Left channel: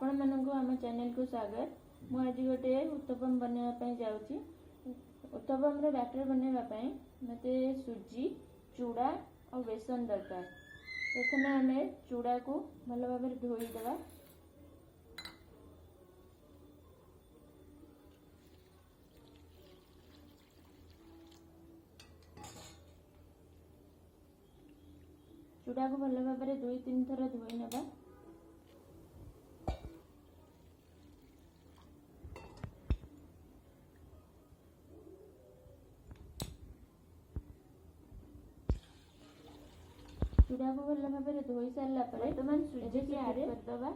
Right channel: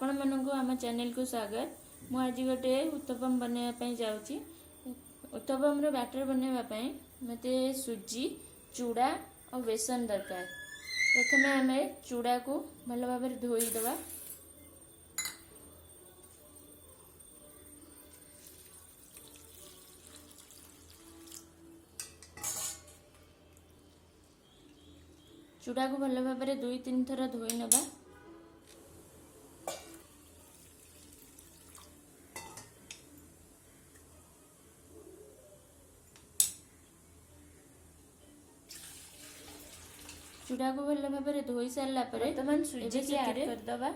आपण मानक आम चैनल को स्वागत। मु आज गोटे उत्तपम बनवाई जाऊँगी। उत्तपम बैटर बनवाई मते सुजी चूड़ा और बेसन दरकार। प्रथम आम चूड़ा को भल भाव धोईदे। चूड़ा को भल भाव 2-3 थर धोई नवा। चूड़ा को भल भाव धोई सारा बर्तमान सुजी की ऐड करदे।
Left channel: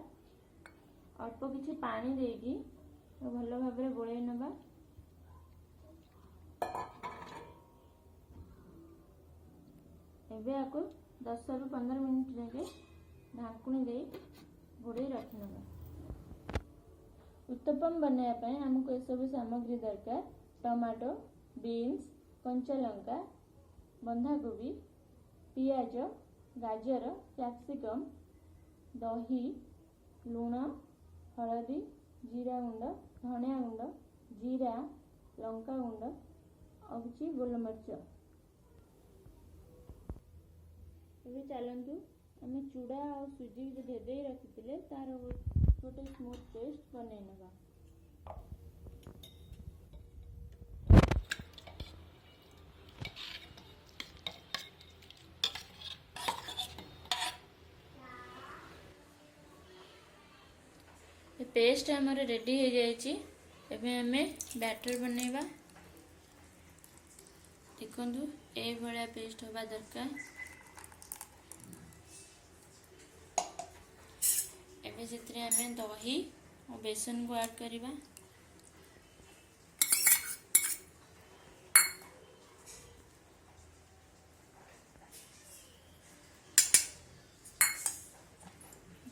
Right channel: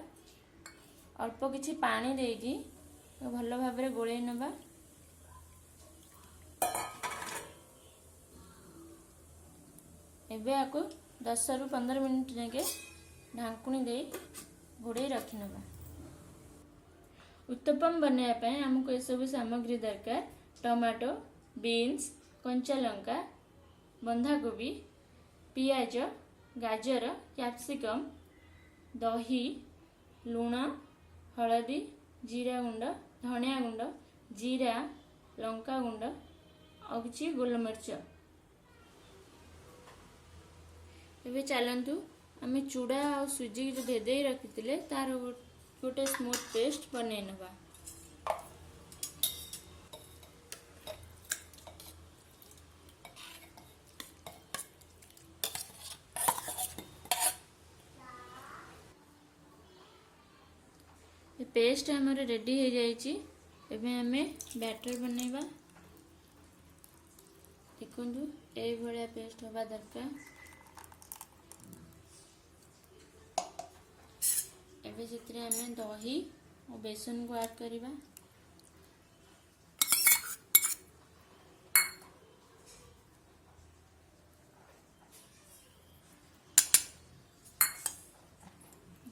अल्प किछि पानी देकी भल भाव गोले नवा। एबे आको 10 रु 15 मिनिट जाके ढांकुणी दे घोड़े रखी नवा। उत्तपम बनवाई आमको ये सब सामग्री दरकार। टमाटो, बीन्स, कंचा लंका, बंधाकोबी, पियाज, गाजर, कैप्सिकम, दही, लूण, हलदी, जीरा गुंड, धनिया गुंड, जीरा, लंका गुंड और किछि गोलमरीच। एबे चलतु आम चूड़ा और सुजी जो भेदे रखी तार गोटे स्मूथ पेस्ट बनै नवा। पेस्ट आमर रेडी हो जाइए। एबे आमे बैटर बनैबा। देखंतु ए भलिया पेस्ट होबा दरकार। एबे जेतरे आमे दही और बेसन को ऐड करिबा।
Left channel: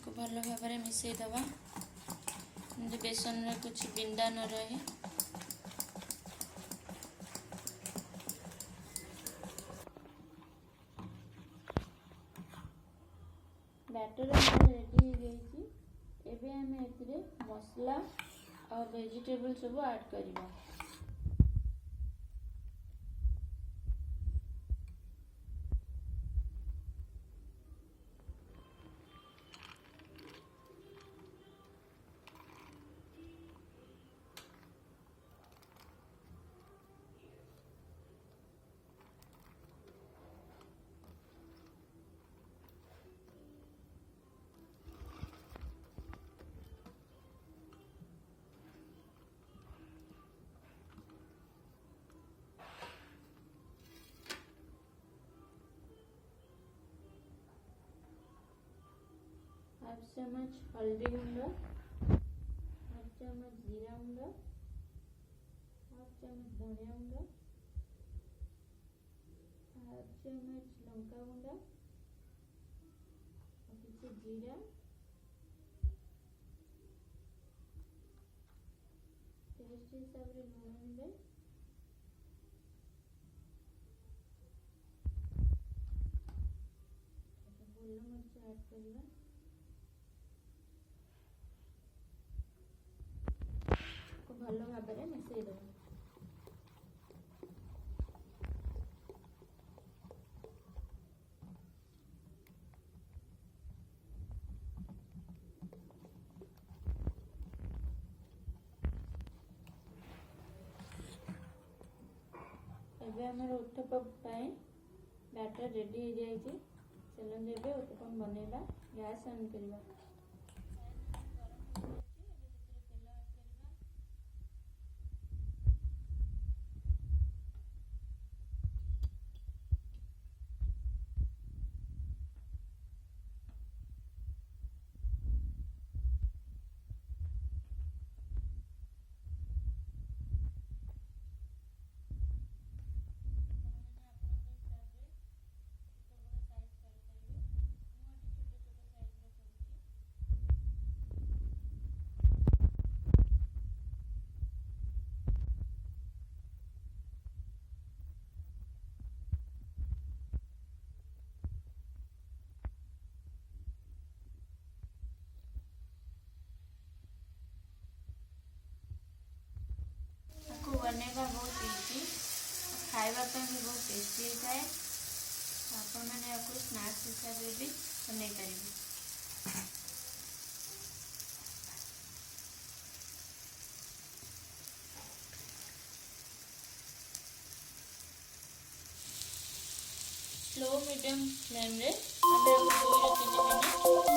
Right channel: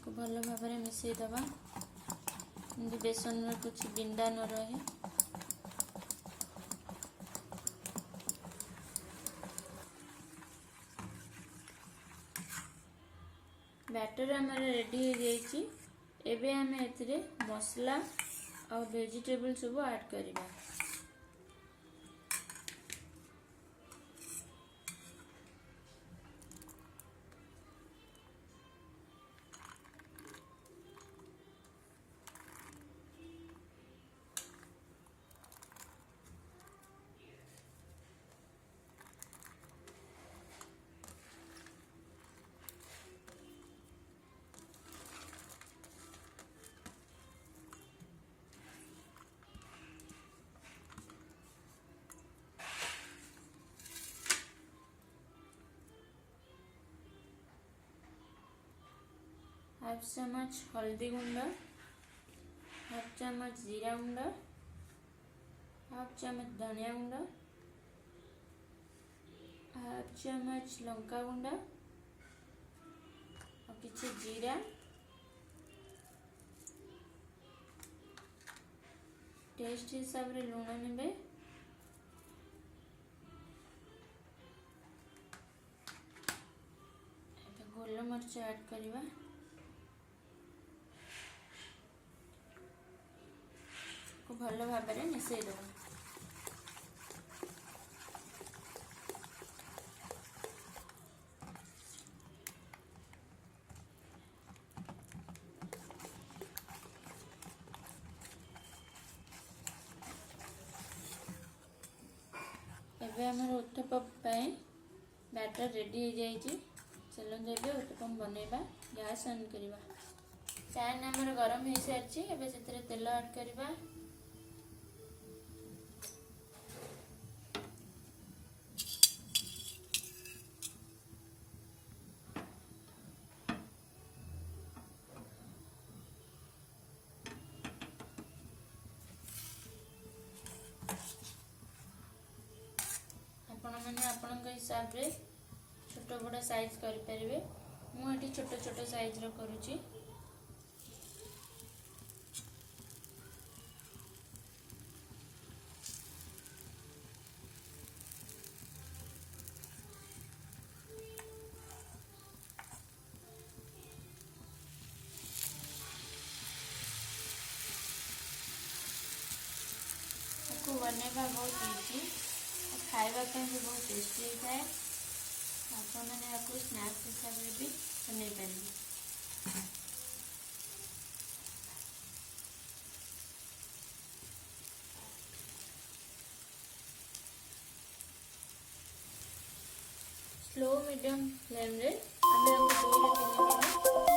भल भाव मिसई दबा। बेसन में कुछ बिंडा न रहे। बैटर हमारे रेडी हो जाइए। एबे आम एथिरे मसला और वेजिटेबल सब ऐड करिबा। हाफ चम्मच हल्दी गुंड, हाफ चम्मच जीरा गुंड, हाफ चम्मच धनिया गुंड, हाफ चम्मच लंका गुंड और किछि जीरा, टेस्ट हिसाब रे लूण नेबे। गोलमरीच ऐड करिबा। भल भाव मिसई देव। एबे हमर उत्तपम बैटर रेडी हो जाइए। चलते एबे उत्तपम बनैबा। गैस ऑन करिबा। पैन हमर गरम हो सारी। एबे सेतरे तेल ऐड करिबा। हिसाब रे छोट बड़ा साइज करें। मुझे छोट छोट साइज रो करुची। खाइबा पे भी बहुत टेस्टी होता है। आपण मैंने आपको स्नैक्स हिसाब से भी बनै पारिबे। स्लो मीडियम फ्लेम रे हम 2 ରୁ 3 मिनिट